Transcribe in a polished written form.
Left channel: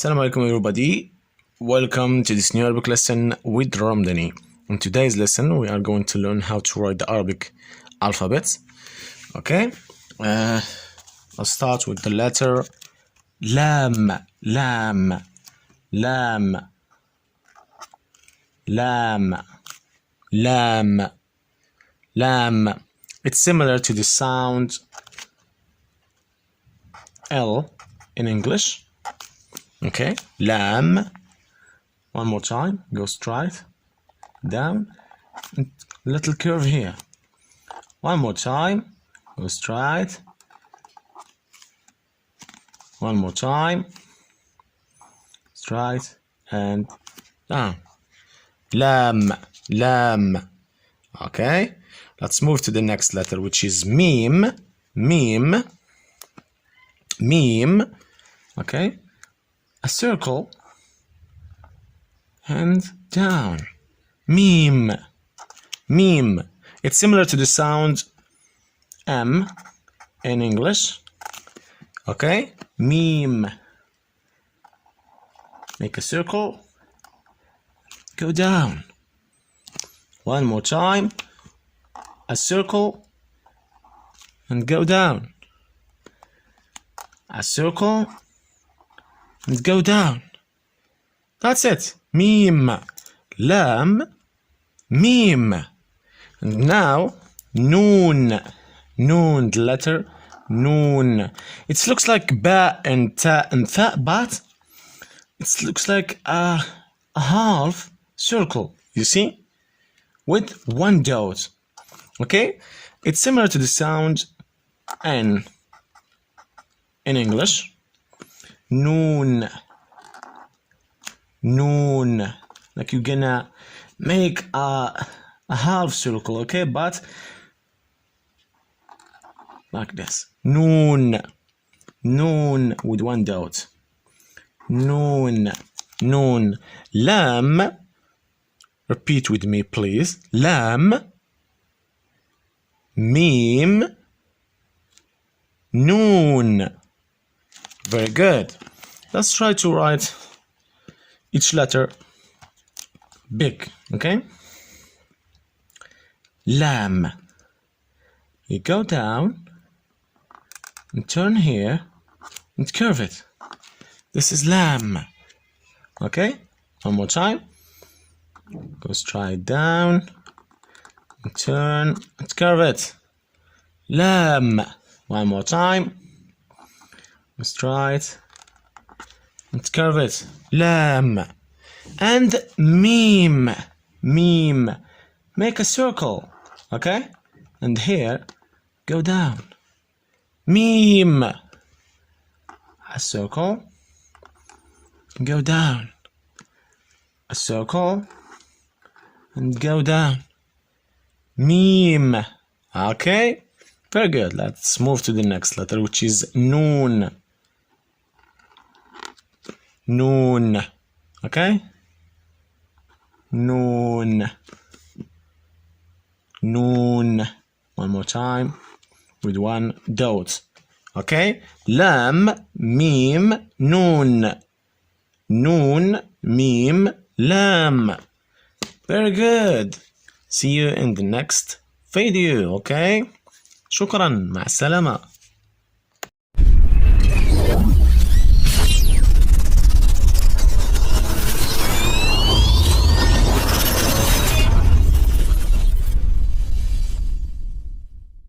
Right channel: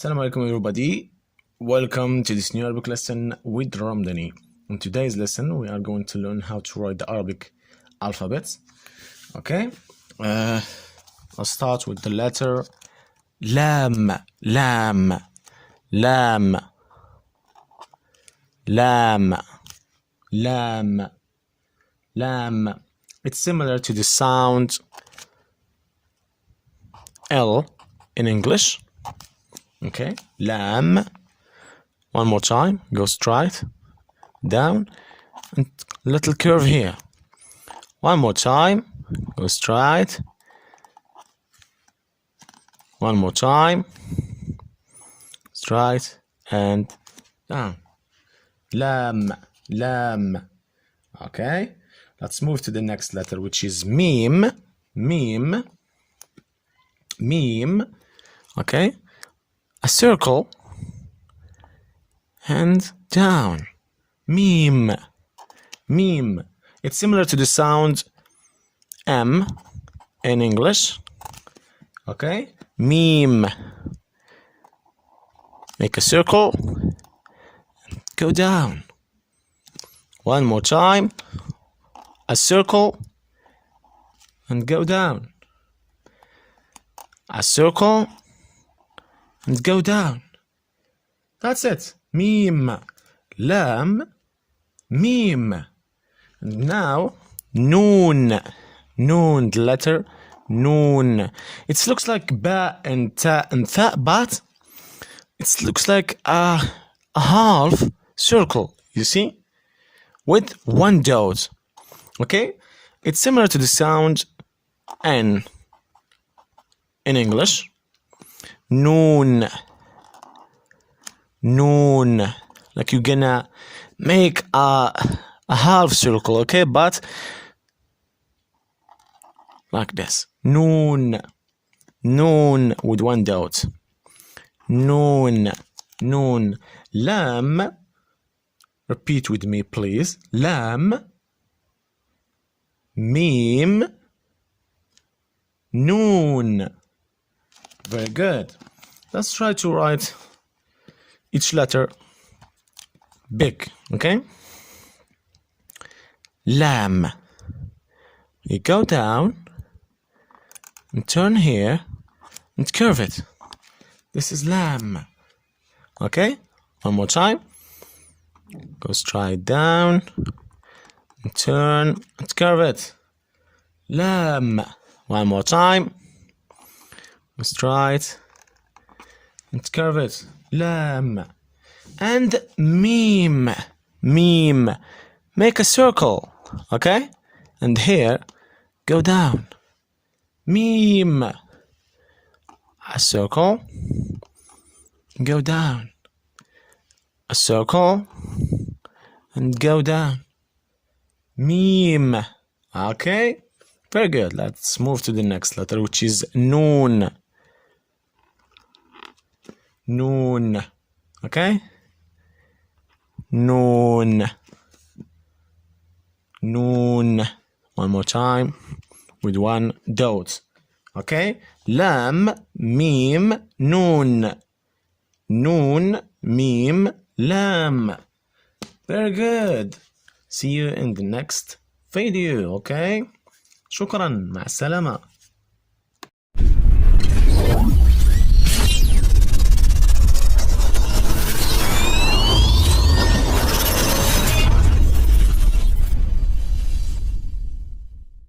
Assalamu alaikum everybody. Welcome to this new Arabic lesson with RAMDANI. In today's lesson we are going to learn how to write the Arabic alphabet. Okay, I'll start with the letter Lam. Lam. Lam. Lam. Lam. Lam. It's similar to the sound L in English. Okay, lamb. One more time, go straight down, and little curve here. One more time, go straight. One more time, straight and down. Lamb, lamb. Okay, let's move to the next letter, which is Meem. Meem. Meem. Okay, a circle and down. Meem. Meem. It's similar to the sound M in English. Okay, Meem. Make a circle, go down. One more time, a circle and go down. A circle and go down. That's it. Meem. Lam. Meem. And now Noon. Noon, the letter Noon. It looks like ba and ta and tha, but it looks like a half circle, you see, with one dot. Okay, it's similar to the sound N in English. Noon. Noon. Like you're gonna make a half circle, okay, but like this. Noon. Noon with one dot. Noon. Noon. Lam. Repeat with me, please. Lam. Meem. Noon. Very good. Let's try to write each letter big, okay? Lam. You go down and turn here and curve it. This is lamb. Okay? One more time. Go straight down and turn and curve it. Lam. One more time. Go straight and curve it. Lam. And Meem. Meem. Make a circle. Okay? And here, go down. Meem. A circle. Go down. A circle. And go down. Meem. Okay? Very good. Let's move to the next letter, which is Noon. Noon. Okay? Noon. Noon. One more time with one dot. Okay? Lam, Meem, Noon. Noon, Meem, Lam. Very good. See you in the next video. Okay? شكرا. مع السلامة.